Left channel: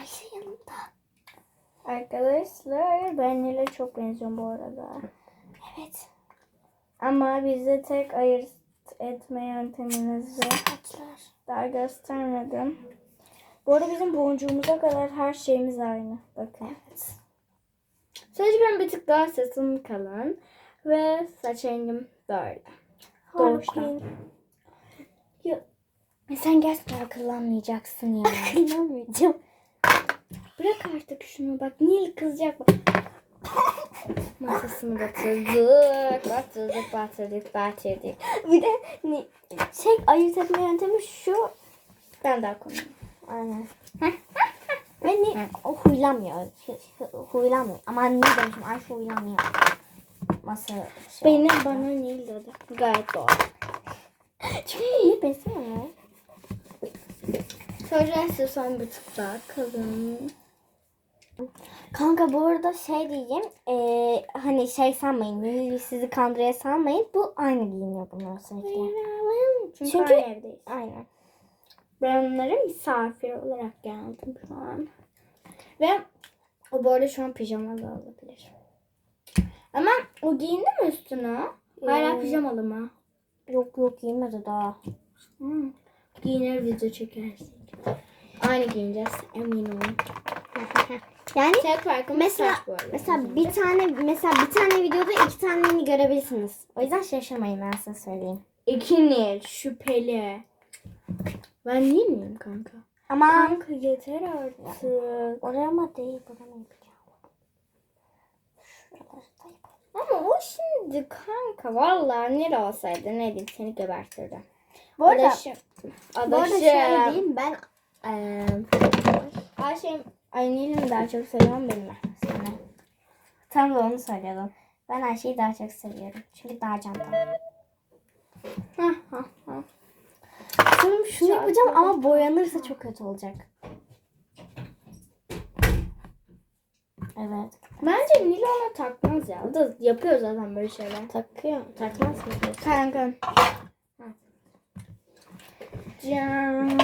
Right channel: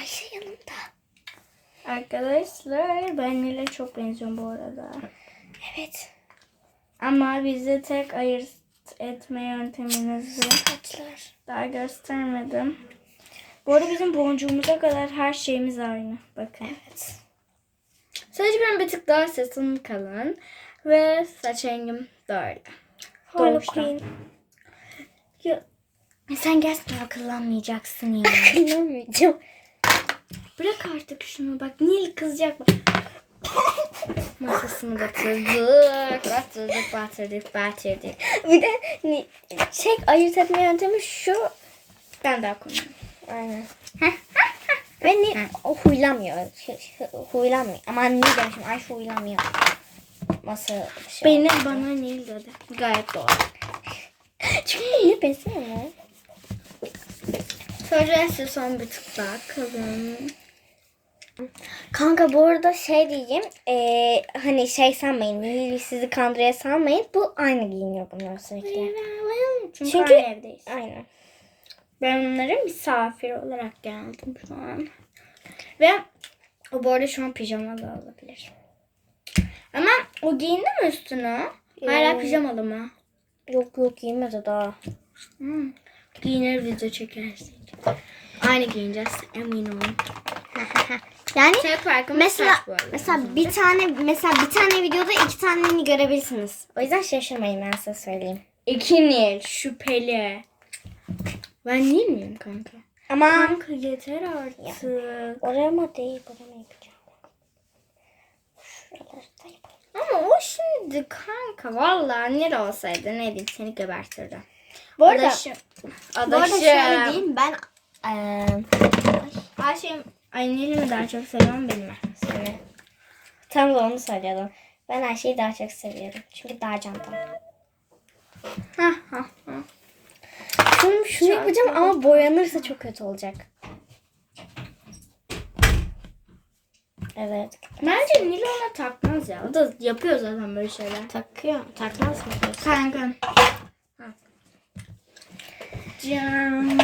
Ayşe yanımda. Arkadaşlar ben Nil'e çok benziyorum bu arada. Evet. Ama bizi tek ayırt etme yönteminizi Saçlar. daha göstermedim. Bu arada bizim boncuğumuza kadar her şeyimiz aynı. Bakın. Evet. Sadece ben bir tık daha sesim kalın. Ve saç rengim böyle. Harley. Quinn. Ya, Sen gerçekten akıllanmayacaksın ya. inanmayacağım. Bırak artık şunu bak. Nil kızacak bak. Masasını batırdık. Batırdık, batırdık, batırdık. bir de şey ayırt etme yöntemi şu. Ben daha konuyorum. Aynen. Ve ni o huylamıyor. Şey- şey- Huylanmıyor. Ama ne demişim Ayşe huylanmıyor. Masa şey. Benim bana Nil dedi. Gayet doğru. Çünkü ne benziyor mu? Sonra son bir tık daha kalın. Kanka bu arada şey diyeyim. eee, hani şey sanmayın. Sizi kandırıya sanmayın. Bu aynı giyiniyor bunlar sürekli. Çünkü, Çünkü- aynı evdeyiz. Aynen. Ben onlara misafir olarak geldim şu an. Ve o bu arada şu an pijamalı olabilir. Ama o giyindi mi üstüne? Hala Ee, pijamalı mı? Yok yok giymedi daha. Hmm. Giyinir video çekersek. Aynı giyineceğiz emin olun. Yani farkımız Mesela saç bu arada. mesela bir tane mesela bir tane videoda iki taneni görebilirsiniz. O yüzden şaşırmayın ben size söyleyeyim. İki Nil şüpheli. Ben Nil miyim kanka? Ama Kanka yeter artık. oraya mı değil buraya mı yapacağım? Yapalım. Ama o şimdi kanka vallahi Nil olsaydı ne diyeyim seni gebertirdi. Bu arada, Adaşım. bu arada Adaşım. şöyle diyeyim ben eee ay Nil'i mi daha çok seviyorum beni mi? seni tam da onu söylüyordum. Ben Ayşe'yi daha çok seviyorum. Çünkü daha candan. Hah hah hah. Şunu, şunu yapacağım ama boyanırsa çok kötü olacak. Evet. Bence Nil ona takmaz ya. O da yapıyor zaten böyle şeyler. Takıyor. Takmaz mı diyorsun? Can.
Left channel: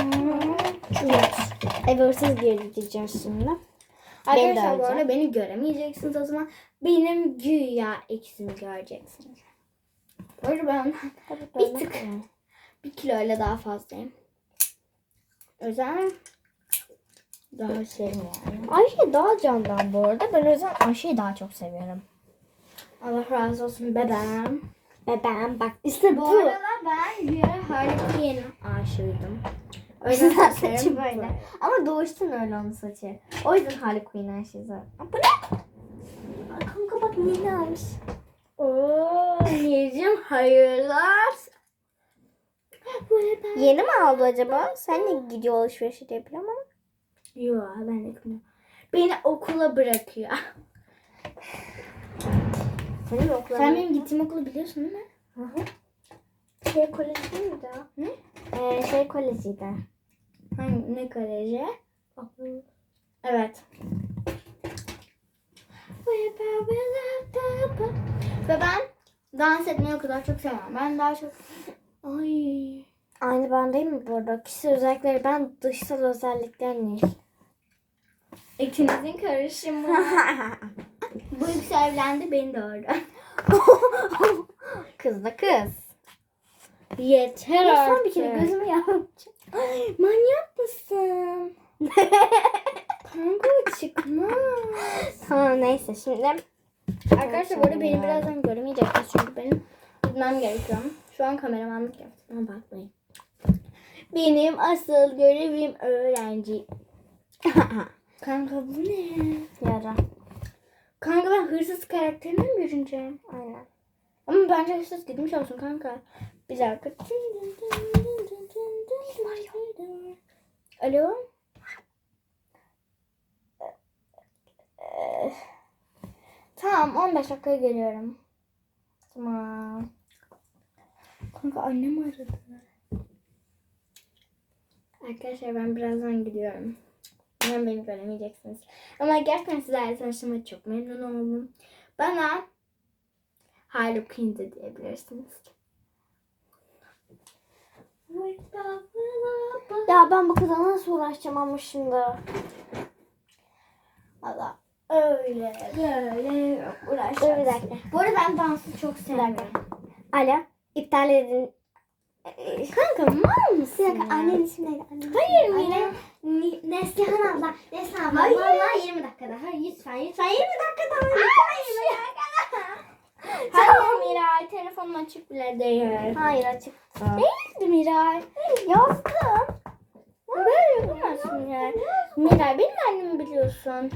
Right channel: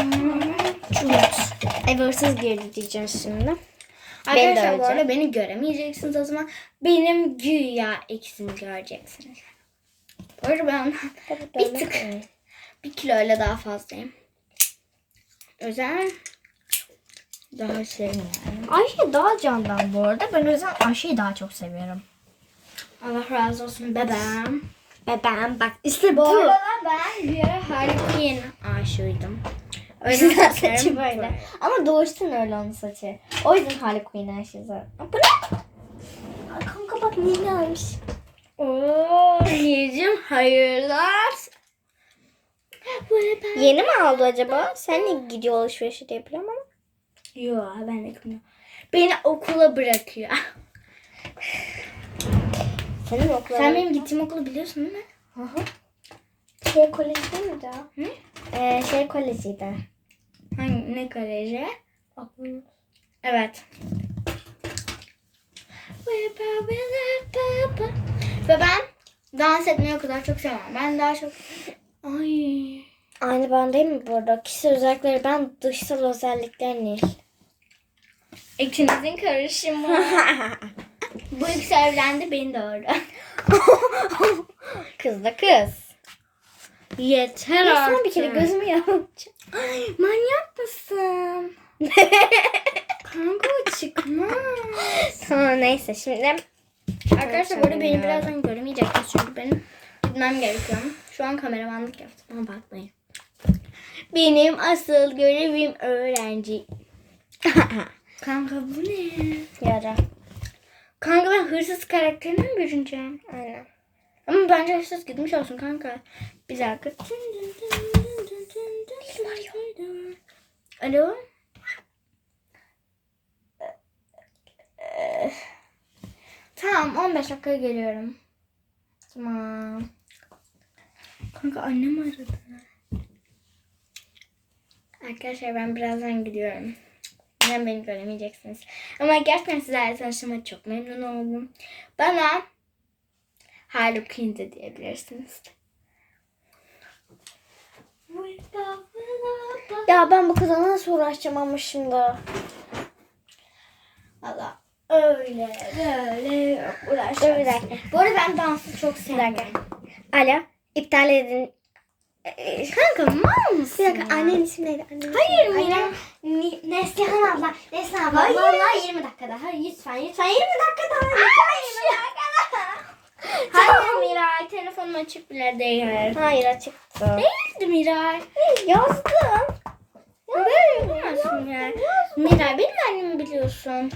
Ev hırsız girdi diyeceğim şimdi. Arkadaşlar bu arada beni göremeyeceksiniz o zaman. Benim güya ikisini göreceksiniz. Bu arada ben ondan bir tık bir kiloyla daha fazlayım. Yüzden daha serin yani. Ayşe daha candan bu arada. Ben o yüzden Ayşe'yi daha çok seviyorum. Allah razı olsun bebeğim. Bebeğim bak işte Bu arada ben bir ara Harley aşığıydım. O yüzden saçı böyle. Ama doğuştan öyle onun saçı. O yüzden Harley Quinn. Aa, Bu ne? Kanka bak ne almış. Oo, Nilcim hayırlar. Yeni mi aldı acaba? Sen ne gidiyor alışverişi diye biliyorum ama. Yok ben de bilmiyorum. Beni okula bırakıyor. Senin okulun. Sen benim gittiğim okulu biliyorsun değil mi? Hı hı. Şey koleji değil miydi o? Hı? Ee, şey kolejiydi. Hangi, ne koleji? Evet. Ve ben dans etmeyi o kadar çok sevmem. Ben daha çok... Ay. Aynı ben değil mi bu arada? Kişisel özellikleri ben dışsal özellikler Nil. İkinizin karışımı. Bu ikisi evlendi beni doğurdu. kız da kız. Yeter Ya artık. son bir kere gözümü yapacağım. Ay, manyak mısın? Kanka çıkmaz. tamam neyse şimdi. Arkadaşlar burada beni birazdan göremeyeceksiniz çünkü benim gitmem gerekiyor. Şu an kameramanlık yaptım ama bakmayın. Benim asıl görevim öğrenci. Kanka bu ne? Yara. Kanka ben hırsız karakterine mi bürüneceğim? Aynen. Ama bence hırsız gitmiş olsun kanka. Bir dakika. Alo? Tamam 15 dakika geliyorum. Tamam. Kanka annem aradı. Arkadaşlar ben birazdan gidiyorum. Umarım beni göremeyeceksiniz. Ama gerçekten sizlerle tanıştığıma çok memnun oldum. Bana Harley Quinn de diyebilirsiniz. Ya ben bu kıza nasıl uğraşacağım ama şimdi. Allah öyle böyle Dur bir dakika. Bu arada ben dansı çok seviyorum. Alo. İptal edin. Ee, Kanka mal mısın? Bir dakika. Annenin ismi neydi? Annenin Hayır ismi- Mira. Anne- Neslihan abla. Neslihan abla. Hayır. Vallahi 20 dakika daha. Lütfen lütfen 20 dakika daha. Tamam Miray telefonum açık bile değil. Hayır açıktı. Değildi Miray. Yazdım. Böyle yapamazsın ya. Miray benim annemi biliyorsun.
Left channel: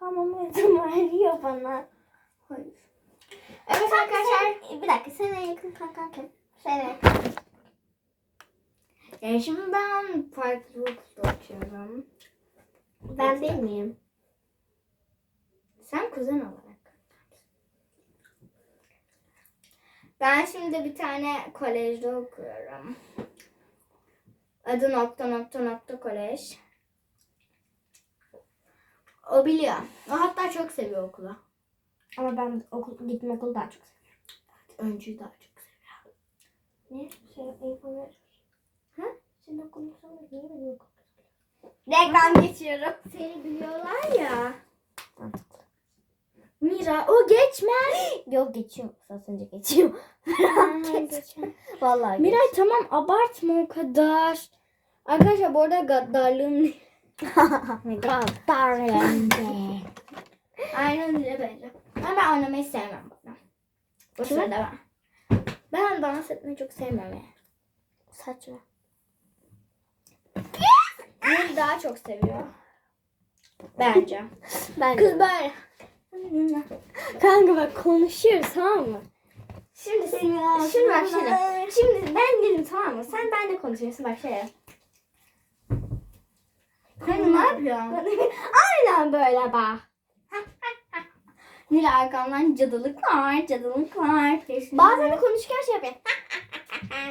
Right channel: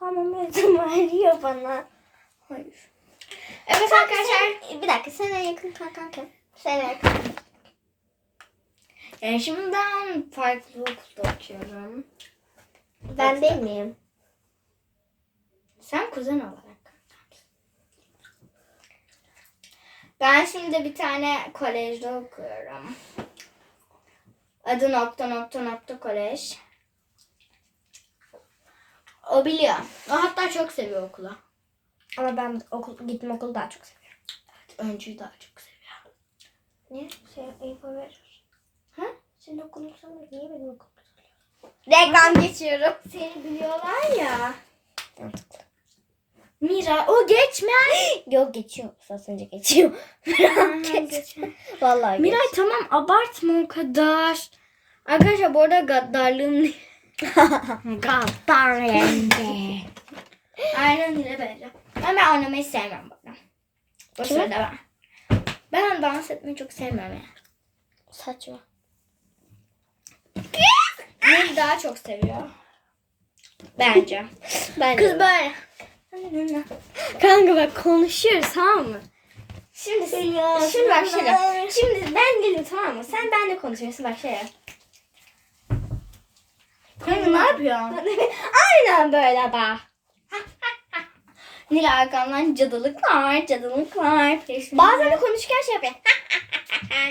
Tamam yazım arıyor bana. Hayır. Evet arkadaşlar. Bir dakika sana yakın kankan kim? Yakın. Yani şimdi ben farklı okulda okuyorum. Ben değil miyim? Sen kuzen olarak. Ben şimdi bir tane kolejde okuyorum. Adı nokta nokta nokta kolej. O biliyor. O hatta çok seviyor okulu. Ama ben okul, gittim okulu daha çok seviyorum. Öncüyü daha çok. Niye? Şey, info verir. Ha? Senin okulun sana niye benim okulum Reklam geçiyorum. Seni biliyorlar ya. Mira o geçmez. Yok geçiyor. Önce geçiyor. Geç. Vallahi Miray geç. tamam abartma o kadar. Arkadaşlar bu arada gaddarlığım Gaddar yenge. Aynen öyle böyle. Ama ben oynamayı sevmem bana. Kimi? sırada ben. Ben dans etmeyi çok sevmem ya. Saçma. Nil daha çok seviyor. Bence. Ben Kız böyle. Kanka bak konuşuyoruz tamam mı? Şimdi Ya, şimdi bak şöyle. Şimdi ben dedim tamam mı? Sen benimle konuşuyorsun bak şöyle. Kanka ne yapıyorsun? Aynen böyle bak. Nil arkamdan cadılık var, cadılık var. Bazen de konuşurken şey yapıyor.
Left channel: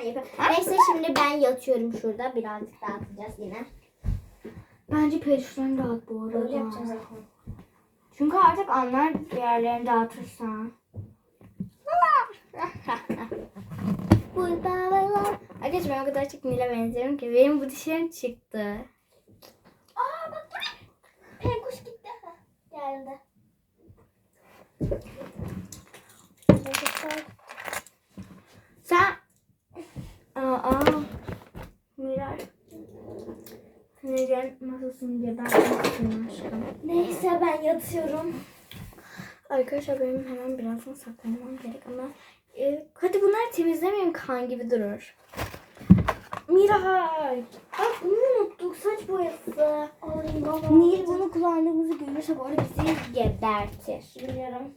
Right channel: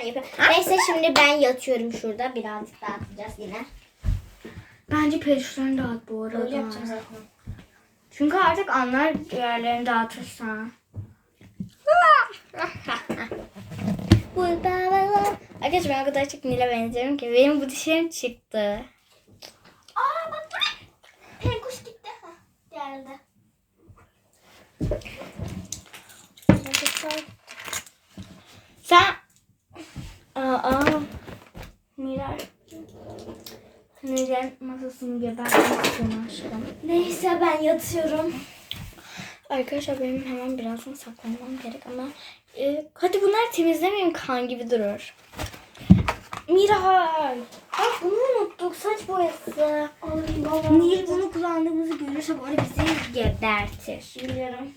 Yapıyor. Neyse şimdi ben yatıyorum şurada. Birazcık dağıtacağız yine. Bence perişlerini dağıt bu arada. Öyle yapacağım zaten. Çünkü artık anlar diğerlerini dağıtırsan. Arkadaşlar ben o kadar çok Nil'e benziyorum ki benim bu dişlerim çıktı. Aa bak? Penkuş gitti. Geldi. Sen... Aa, Miray. Nil'in masasını gebertmek istiyorum aşkım. Neyse ben yatıyorum. Arkadaşlar benim hemen birazdan saklanmam gerek ama e, hadi bunlar temizlemeyeyim kan gibi durur. Miray. Bak bunu unuttuk saç boyası. Nil bunu kullandığımızı görürse bu arada bizi gebertir. Biliyorum.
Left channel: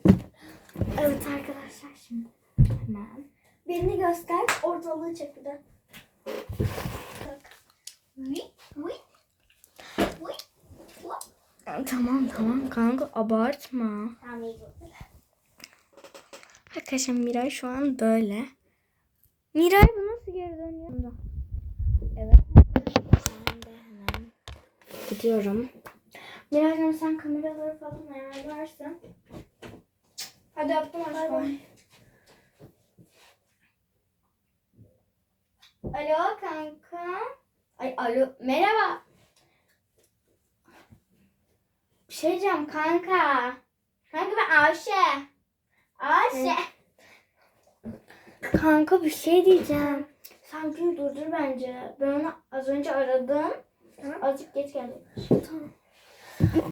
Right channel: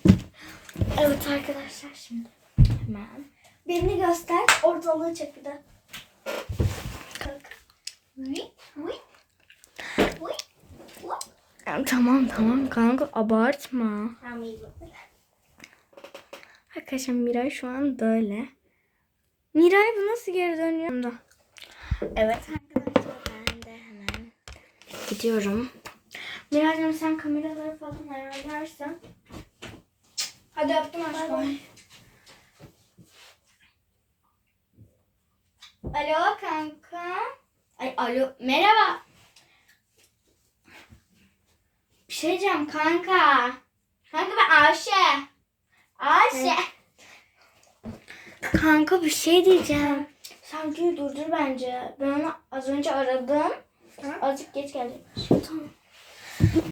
Evet arkadaşlar şimdi hemen. Birini göster. Ortalığı çek bir de. Tamam tamam kanka abartma. Arkadaşlar Miray şu an böyle. Miray bu nasıl geri dönüyor? Evet arkadaşlar ben de hemen gidiyorum. Miray'cığım sen kameraları falan ayarlarsın. Hadi öptüm aşkım. Alo kanka. Ay alo merhaba. Bir şey diyeceğim kanka. Kanka ben Ayşe. Ayşe. Kanka bir şey diyeceğim. Sen durdur bence. Ben onu az önce aradım. Azıcık geç gelecek. Tamam.